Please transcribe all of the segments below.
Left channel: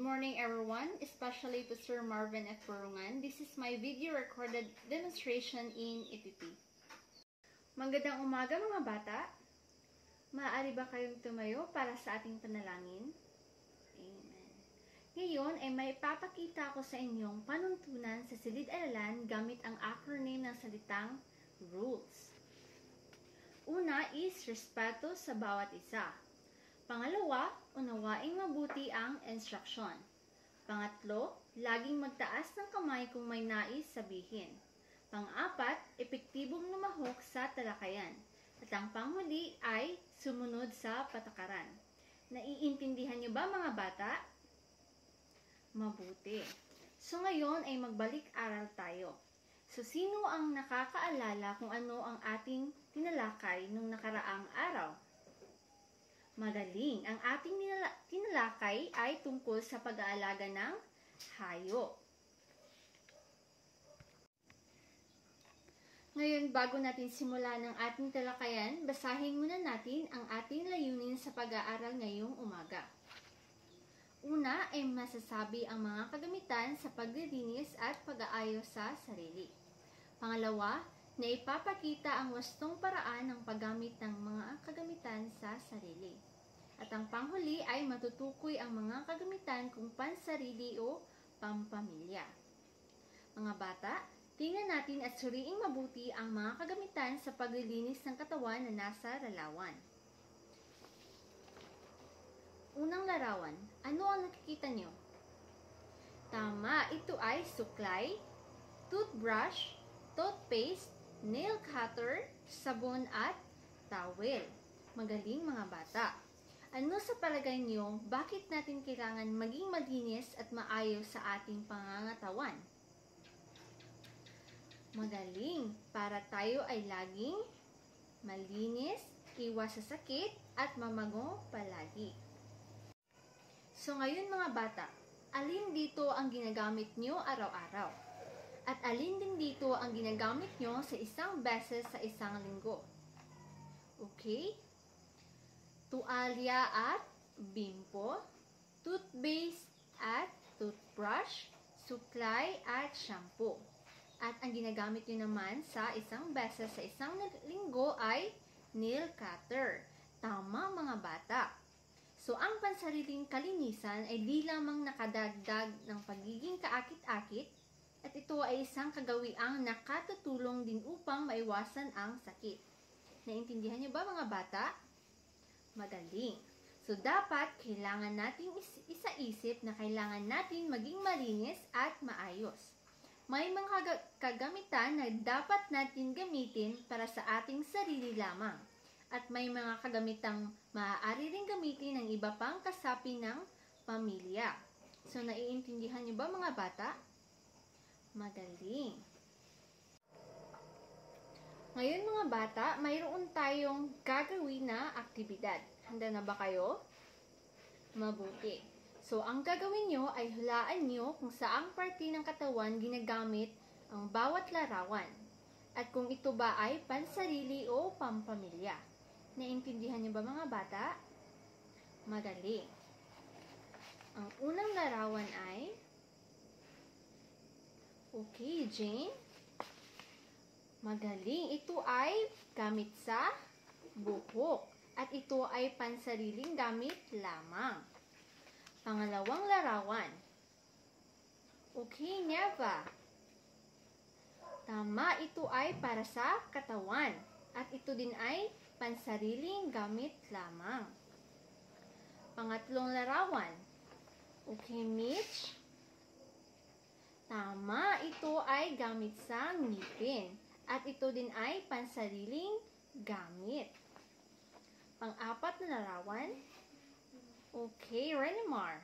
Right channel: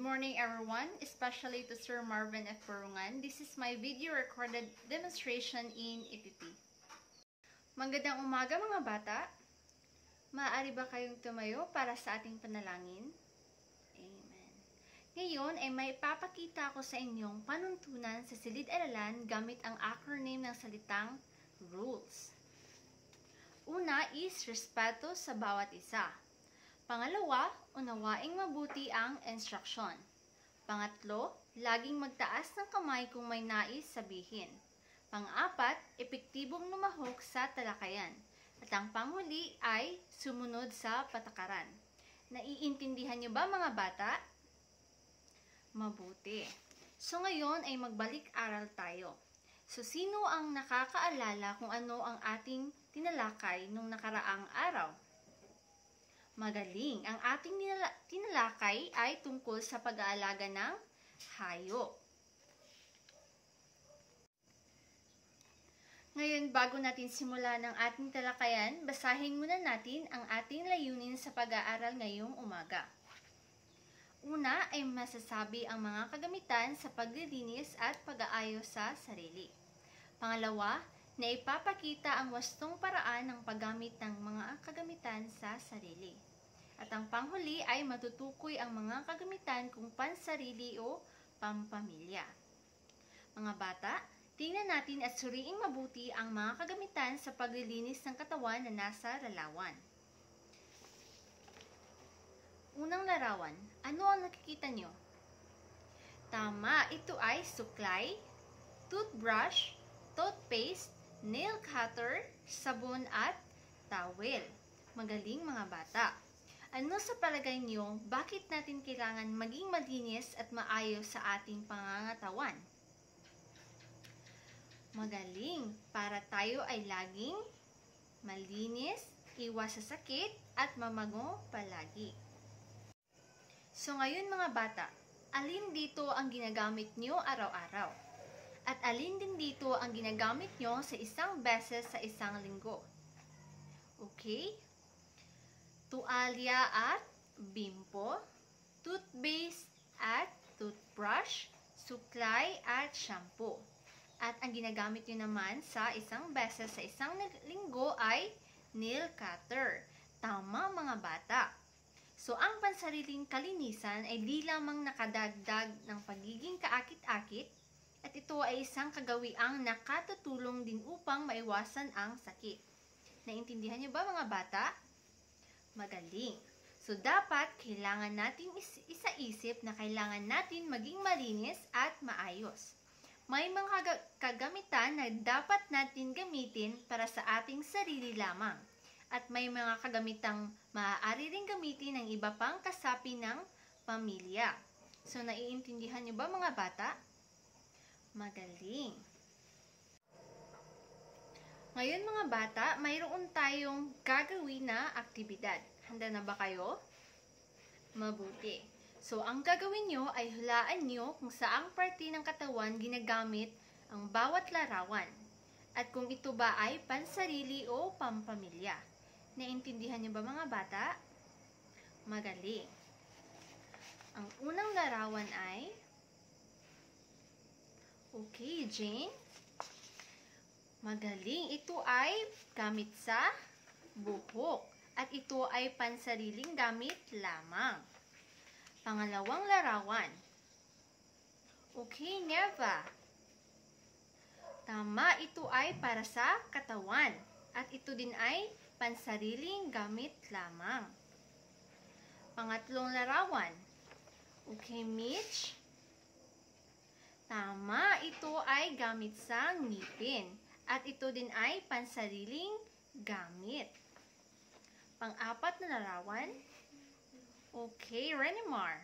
morning everyone, especially to Sir Marvin F. Purungan. This is my video recorded demonstration in EPP. Magandang umaga mga bata. Maaari ba kayong tumayo para sa ating panalangin? Amen. Ngayon ay may papakita ko sa inyong panuntunan sa silid-aralan gamit ang acronym ng salitang rules. Una is respeto sa bawat isa. Pangalawa, unawaing mabuti ang instruksyon. Pangatlo, laging magtaas ng kamay kung may nais sabihin. Pang-apat, epektibong lumahok sa talakayan. At ang panghuli ay sumunod sa patakaran. Naiintindihan niyo ba mga bata? Mabuti. So ngayon ay magbalik-aral tayo. So sino ang nakakaalala kung ano ang ating tinalakay nung nakaraang araw? Magaling. Ang ating tinalakay ay tungkol sa pag-aalaga ng hayop. Ngayon, bago natin simulan ang ating talakayan, basahin muna natin ang ating layunin sa pag-aaral ngayong umaga. Una ay masasabi ang mga kagamitan sa paglilinis at pag-aayos sa sarili. Pangalawa, na ipapakita ang wastong paraan ng paggamit ng mga kagamitan sa sarili. At ang panghuli ay matutukoy ang mga kagamitan kung pansarili o pampamilya. Mga bata, tingnan natin at suriing mabuti ang mga kagamitan sa paglilinis ng katawan na nasa larawan. Unang larawan, ano ang nakikita nyo? Tama, ito ay suklay, toothbrush, toothpaste, nail cutter, sabon at towel. Magaling mga bata. Ano sa palagay niyo, bakit natin kailangan maging malinis at maayos sa ating pangangatawan? Magaling, para tayo ay laging malinis, iwas sa sakit at mamago palagi. So ngayon mga bata, alin dito ang ginagamit niyo araw-araw? At alin din dito ang ginagamit nyo sa isang beses sa isang linggo? Okay? Tuwalya at bimpo, toothpaste at toothbrush, suklay at shampoo. At ang ginagamit nyo naman sa isang beses sa isang linggo ay nail cutter. Tama mga bata. So ang pansariling kalinisan ay di lamang nakadagdag ng pagiging kaakit-akit, at ito ay isang kagawiang nakatutulong din upang maiwasan ang sakit. Naintindihan niyo ba mga bata? Magaling. So dapat kailangan nating isaisip na kailangan natin maging malinis at maayos. May mga kagamitan na dapat natin gamitin para sa ating sarili lamang. At may mga kagamitang maaari ring gamitin ng iba pang kasapi ng pamilya. So naiintindihan niyo ba mga bata? Magaling. Ngayon mga bata, mayroon tayong gagawin na aktibidad. Handa na ba kayo? Mabuti. So, ang gagawin nyo ay hulaan nyo kung saang parte ng katawan ginagamit ang bawat larawan. At kung ito ba ay pansarili o pampamilya. Naintindihan nyo ba mga bata? Magaling. Ang unang larawan ay okay, Jane. Magaling. Ito ay gamit sa buhok. At ito ay pansariling gamit lamang. Pangalawang larawan. Okay, Neva. Tama, ito ay para sa katawan. At ito din ay pansariling gamit lamang. Pangatlong larawan. Okay, Mitch. Tama, ito ay gamit sa ngipin. At ito din ay pansariling gamit. Pang-apat na larawan. Okay, Renimar.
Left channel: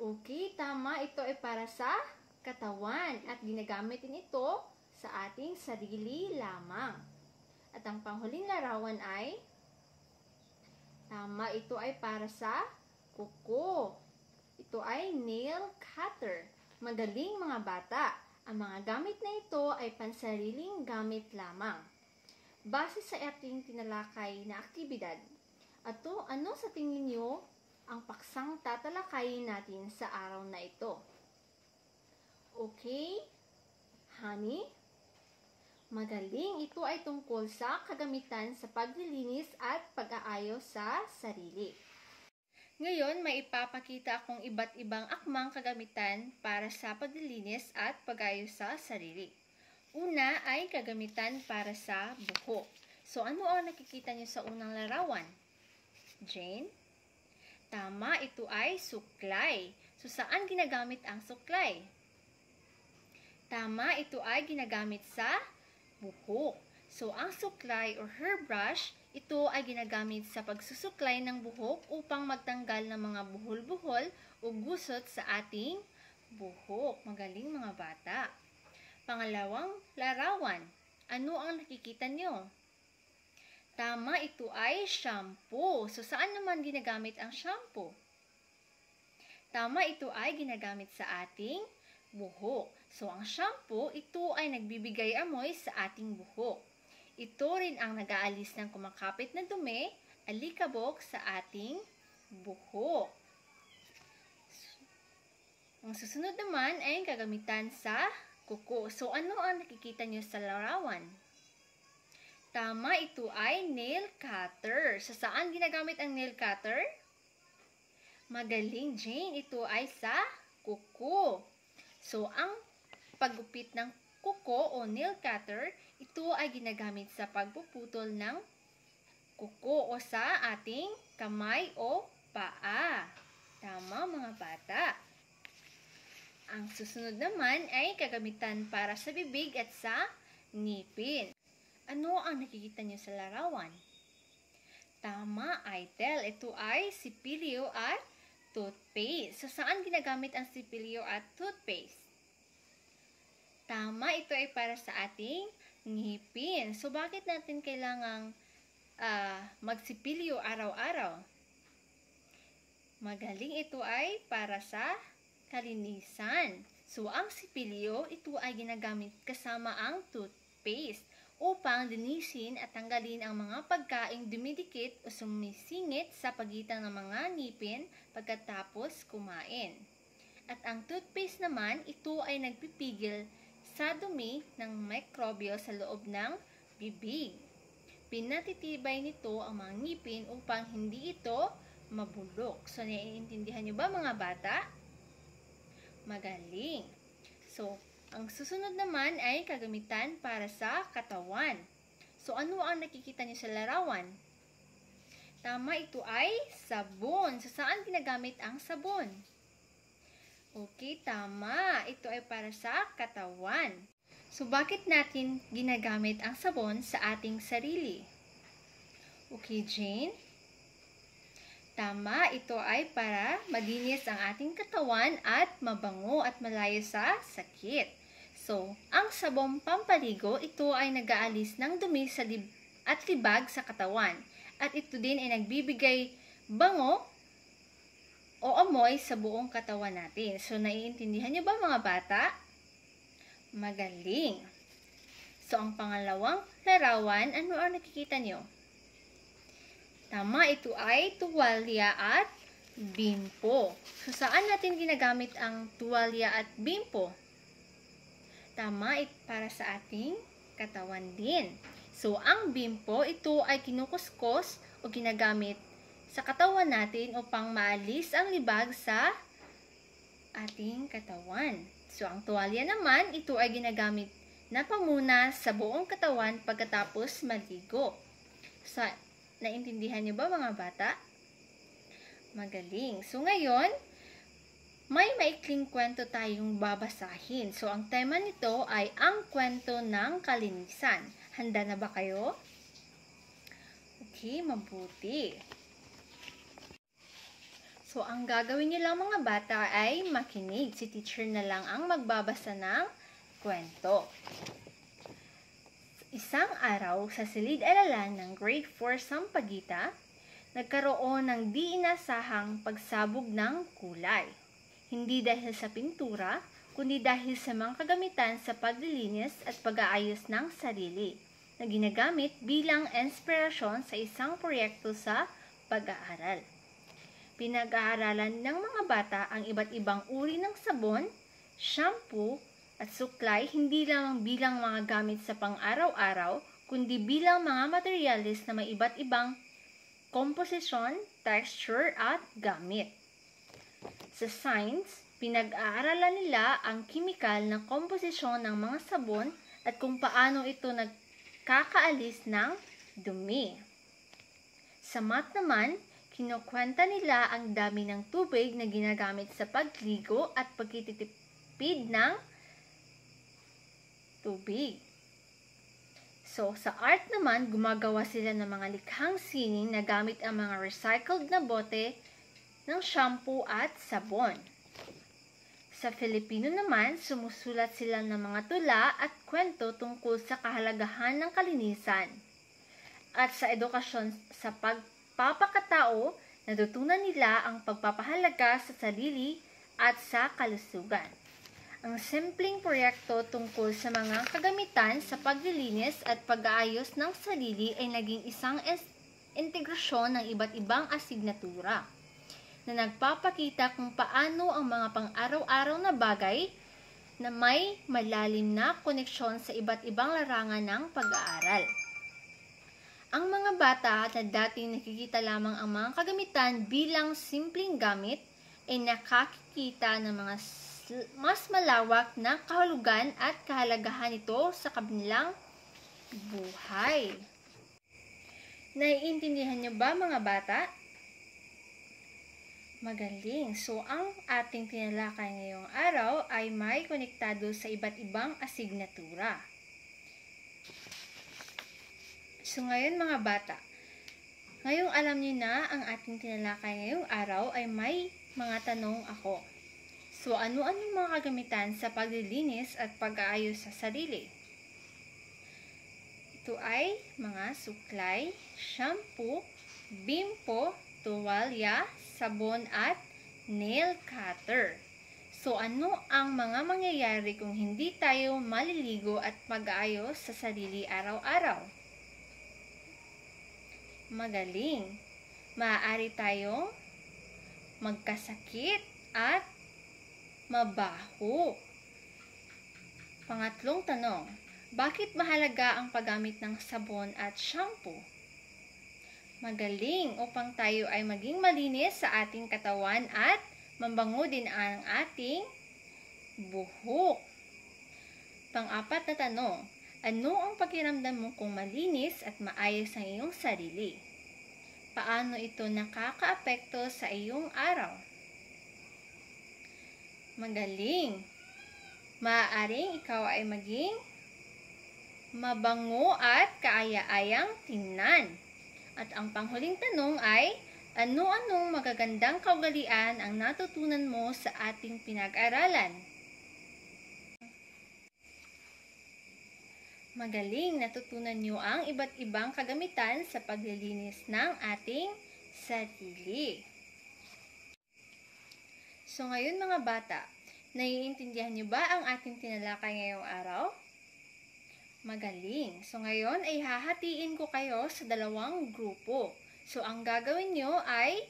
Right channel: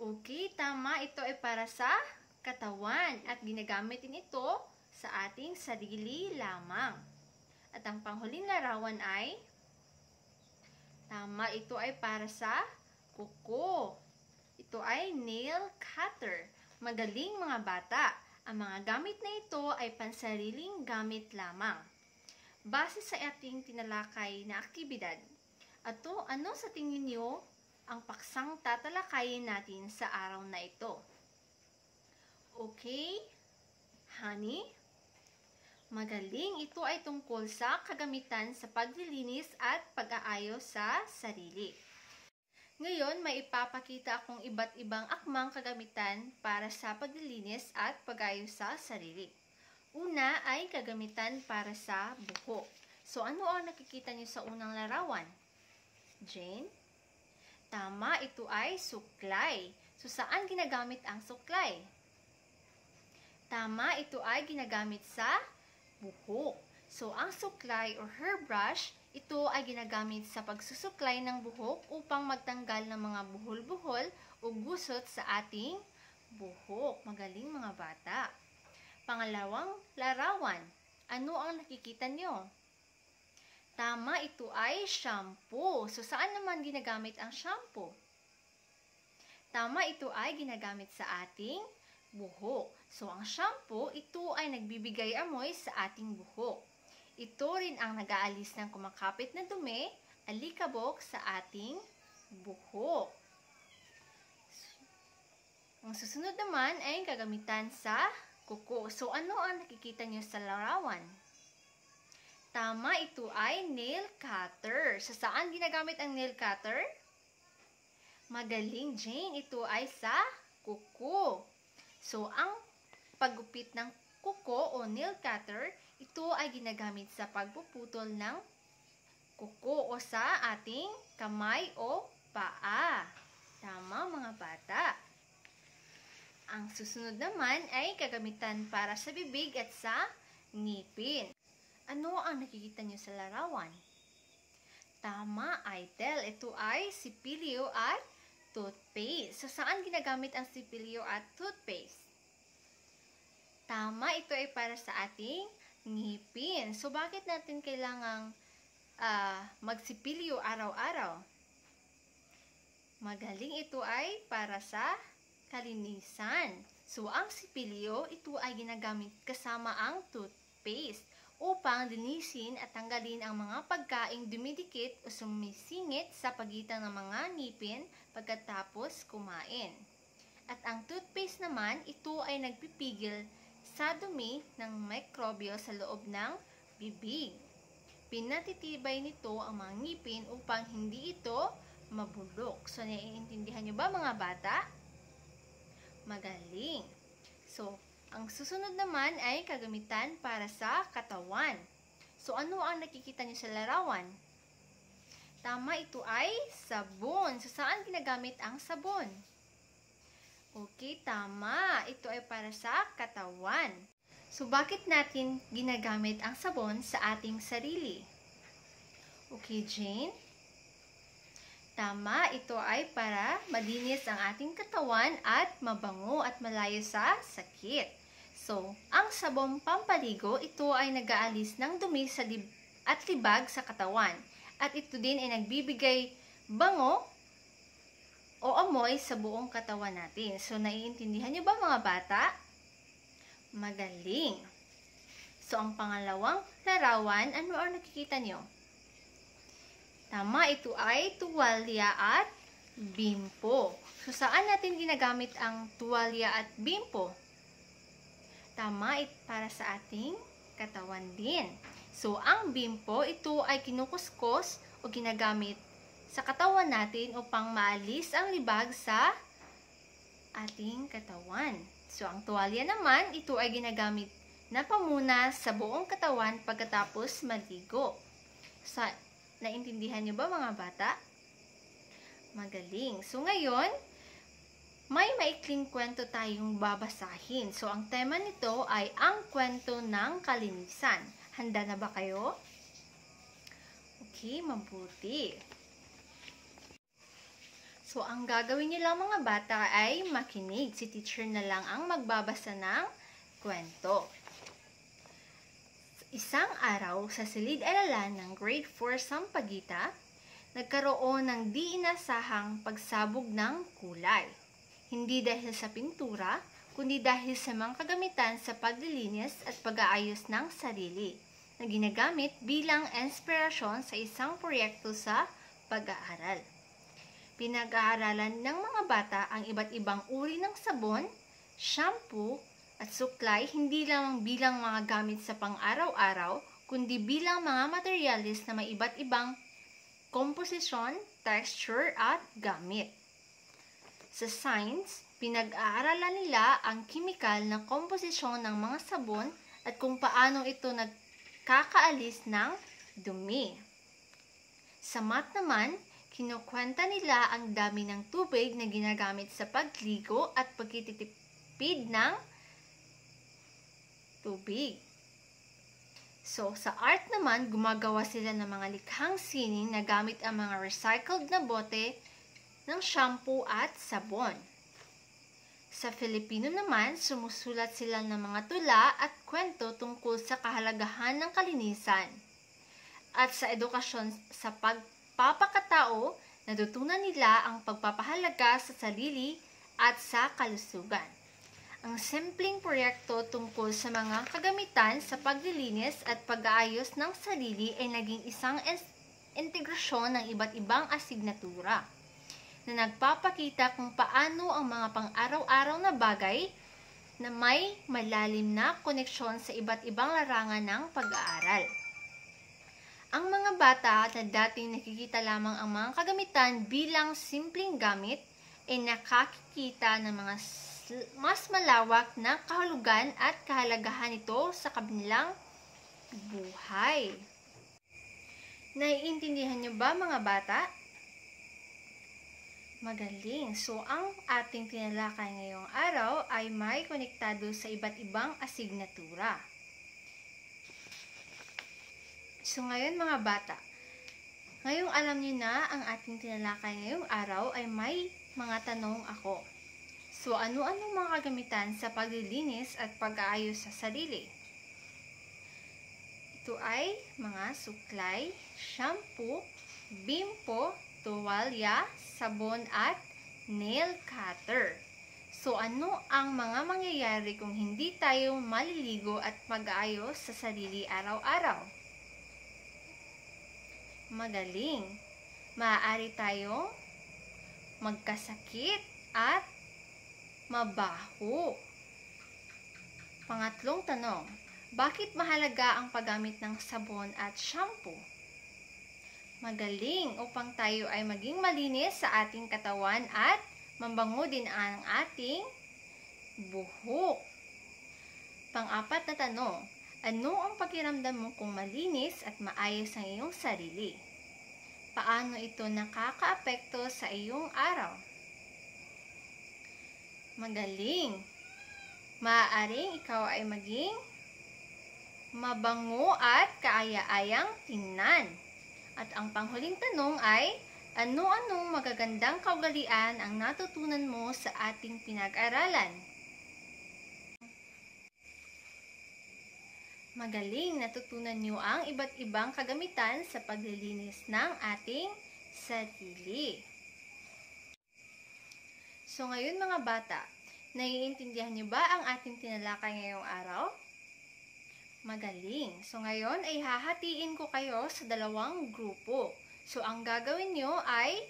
Okay, tama, ito ay para sa katawan. At ginagamit din ito sa ating sarili lamang. At ang panghuling larawan ay tama, ito ay para sa kuko. Ito ay nail cutter. Magaling mga bata, ang mga gamit na ito ay pansariling gamit lamang. Base sa ating tinalakay na aktibidad, ano sa tingin niyo ang paksang tatalakayin natin sa araw na ito. Okay, honey? Magaling, ito ay tungkol sa kagamitan sa paglilinis at pag-aayos sa sarili. Ngayon, may ipapakita akong iba't ibang akmang kagamitan para sa paglilinis at pag-aayos sa sarili. Una ay kagamitan para sa buhok. So, ano ang nakikita niyo sa unang larawan? Jane? Tama, ito ay suklay. So, saan ginagamit ang suklay? Tama, ito ay ginagamit sa buhok. So, ang suklay or hairbrush, ito ay ginagamit sa pagsusuklay ng buhok upang magtanggal ng mga buhol-buhol o gusot sa ating buhok. Magaling mga bata. Pangalawang larawan, ano ang nakikita nyo? Tama, ito ay shampoo. So, saan naman ginagamit ang shampoo? Tama, ito ay ginagamit sa ating buhok. So, ang shampoo, ito ay nagbibigay amoy sa ating buhok. Ito rin ang nag-aalis ng kumakapit na dumi, alikabok sa ating buhok. Ang susunod naman ay kagamitan sa kuko. So, ano ang nakikita niyo sa larawan? Tama, ito ay nail cutter. So, saan ginagamit ang nail cutter? Magaling, Jane. Ito ay sa kuko. So, ang paggupit ng kuko o nail cutter, ito ay ginagamit sa pagpuputol ng kuko o sa ating kamay o paa. Tama, mga bata. Ang susunod naman ay kagamitan para sa bibig at sa ngipin. Ano ang nakikita niyo sa larawan? Tama, Idel. Ito ay sipilyo at toothpaste. So, saan ginagamit ang sipilyo at toothpaste? Tama, ito ay para sa ating ngipin. So, bakit natin kailangang magsipilyo araw-araw? Magaling, ito ay para sa kalinisan. So, ang sipilyo, ito ay ginagamit kasama ang toothpaste upang linisin at tanggalin ang mga pagkaing dumidikit o sumisingit sa pagitan ng mga ngipin pagkatapos kumain. At ang toothpaste naman, ito ay nagpipigil sa dumi ng mikrobyo sa loob ng bibig. Pinatitibay nito ang mga ngipin upang hindi ito mabulok. So, naiintindihan nyo ba mga bata? Magaling. So, ang susunod naman ay kagamitan para sa katawan. So, ano ang nakikita niyo sa larawan? Tama, ito ay sabon. So, saan ginagamit ang sabon? Okay, tama. Ito ay para sa katawan. So, bakit natin ginagamit ang sabon sa ating sarili? Okay, Jane? Tama, ito ay para malinis ang ating katawan at mabango at malayo sa sakit. So, ang sabong pampaligo, ito ay nag-aalis ng dumi at libag sa katawan. At ito din ay nagbibigay bango o amoy sa buong katawan natin. So, naiintindihan niyo ba mga bata? Magaling. So, ang pangalawang larawan, ano ang nakikita niyo? Tama, ito ay tuwalya at bimpo. So, saan natin ginagamit ang tuwalya at bimpo? Tama, para sa ating katawan din. So, ang bimpo, ito ay kinukuskos o ginagamit sa katawan natin upang maalis ang libag sa ating katawan. So, ang tuwalya naman, ito ay ginagamit na pamunas sa buong katawan pagkatapos maligo. So, naintindihan niyo ba mga bata? Magaling. So, ngayon, may maikling kwento tayong babasahin. So, ang tema nito ay ang kwento ng kalinisan. Handa na ba kayo? Okay, mabuti. So, ang gagawin niyo lang mga bata ay makinig. Si teacher na lang ang magbabasa ng kwento. Isang araw sa silid-aralan ng Grade 4 Sampaguita, nagkaroon ng di inasahang pagsabog ng kulay. Hindi dahil sa pintura, kundi dahil sa mga kagamitan sa paglilinis at pag-aayos ng sarili na ginagamit bilang inspirasyon sa isang proyekto sa pag-aaral. pinag-aaralan ng mga bata ang iba't ibang uri ng sabon, shampoo, at suklay hindi lang bilang mga gamit sa pang-araw-araw, kundi bilang mga materyales na may iba't ibang komposisyon, texture, at gamit. Sa science, pinag-aaralan nila ang kimikal na komposisyon ng mga sabon at kung paano ito nagkakaalis ng dumi. Sa math naman, kinukwenta nila ang dami ng tubig na ginagamit sa pagligo at pagtitipid ng tubig. So, sa art naman, gumagawa sila ng mga likhang sining na gamit ang mga recycled na bote ng shampoo at sabon. Sa Filipino naman, sumusulat sila ng mga tula at kwento tungkol sa kahalagahan ng kalinisan. At sa edukasyon sa pagpapakatao, natutunan nila ang pagpapahalaga sa sarili at sa kalusugan. Ang simpleng proyekto tungkol sa mga kagamitan sa paglilinis at pag-aayos ng sarili ay naging isang integrasyon ng iba't ibang asignatura na nagpapakita kung paano ang mga pang-araw-araw na bagay na may malalim na koneksyon sa iba't ibang larangan ng pag-aaral. Ang mga bata na dating nakikita lamang ang mga kagamitan bilang simpleng gamit ay nakakikita ng mga mas malawak na kahulugan at kahalagahan nito sa kanilang buhay. Naiintindihan niyo ba mga bata? Magaling! So, ang ating tinalakay ngayong araw ay may konektado sa iba't ibang asignatura. So, ngayon mga bata, ngayong alam niyo na ang ating tinalakay ngayong araw ay may mga tanong ako. So, ano-anong mga kagamitan sa paglilinis at pag-aayos sa sarili? Ito ay mga suklay, shampoo, bimpo, tuwalya, sabon at nail cutter. So, ano ang mga mangyayari kung hindi tayo maliligo at mag-aayos sa sarili araw-araw? Magaling! Maaari tayong magkasakit at mabaho. Pangatlong tanong, bakit mahalaga ang paggamit ng sabon at shampoo? Magaling upang tayo ay maging malinis sa ating katawan at mabango din ang ating buhok. Pang-apat na tanong, ano ang pakiramdam mo kung malinis at maayos ang iyong sarili? Paano ito nakakaapekto sa iyong araw? Magaling! Maaaring ikaw ay maging mabango at kaaya-ayang tingnan. At ang panghuling tanong ay, ano-anong magagandang kaugalian ang natutunan mo sa ating pinag-aralan? Magaling! Natutunan niyo ang iba't ibang kagamitan sa paglilinis ng ating sarili. So ngayon mga bata, naiintindihan niyo ba ang ating tinalakay ngayong araw? Magaling! So ngayon ay hahatiin ko kayo sa dalawang grupo. So ang gagawin niyo ay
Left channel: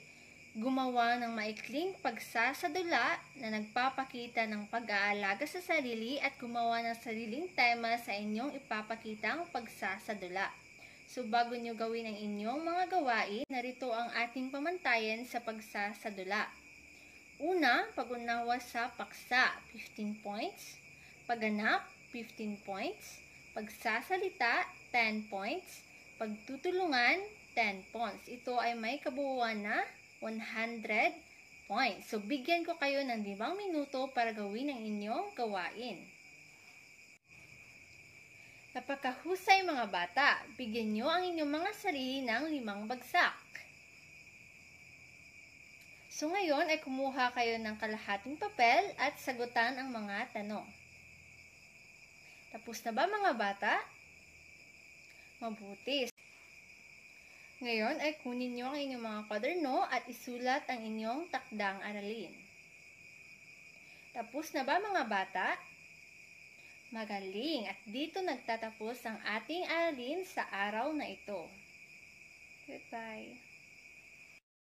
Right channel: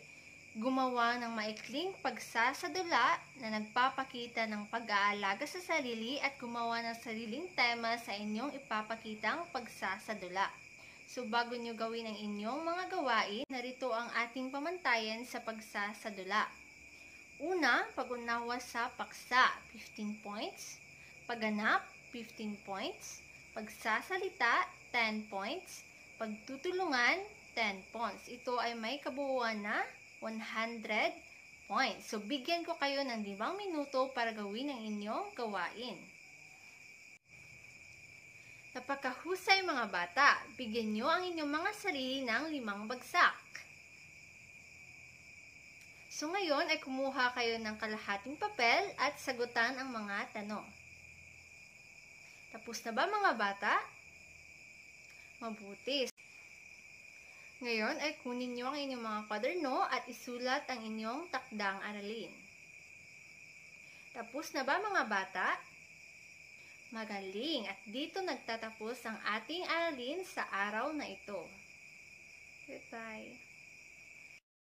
gumawa ng maikling pagsasadula na nagpapakita ng pag-aalaga sa sarili at gumawa ng sariling tema sa inyong ipapakitang pagsasadula. So bago niyo gawin ang inyong mga gawain, narito ang ating pamantayan sa pagsasadula. Una, pag-unawa sa paksa, 15 points. Pagganap, 15 points. Pagsasalita, 10 points. Pagtutulungan, 10 points. Ito ay may kabuuan na 100 points. So, bigyan ko kayo ng 5 minuto para gawin ang inyong gawain. Napakahusay mga bata, bigyan nyo ang inyong mga sarili ng 5 bagsak. So ngayon ay kumuha kayo ng kalahating papel at sagutan ang mga tanong. Tapos na ba mga bata? Mabuti. Ngayon ay kunin nyo ang inyong mga kwaderno at isulat ang inyong takdang aralin. Tapos na ba mga bata? Magaling! At dito nagtatapos ang ating aralin sa araw na ito. Goodbye!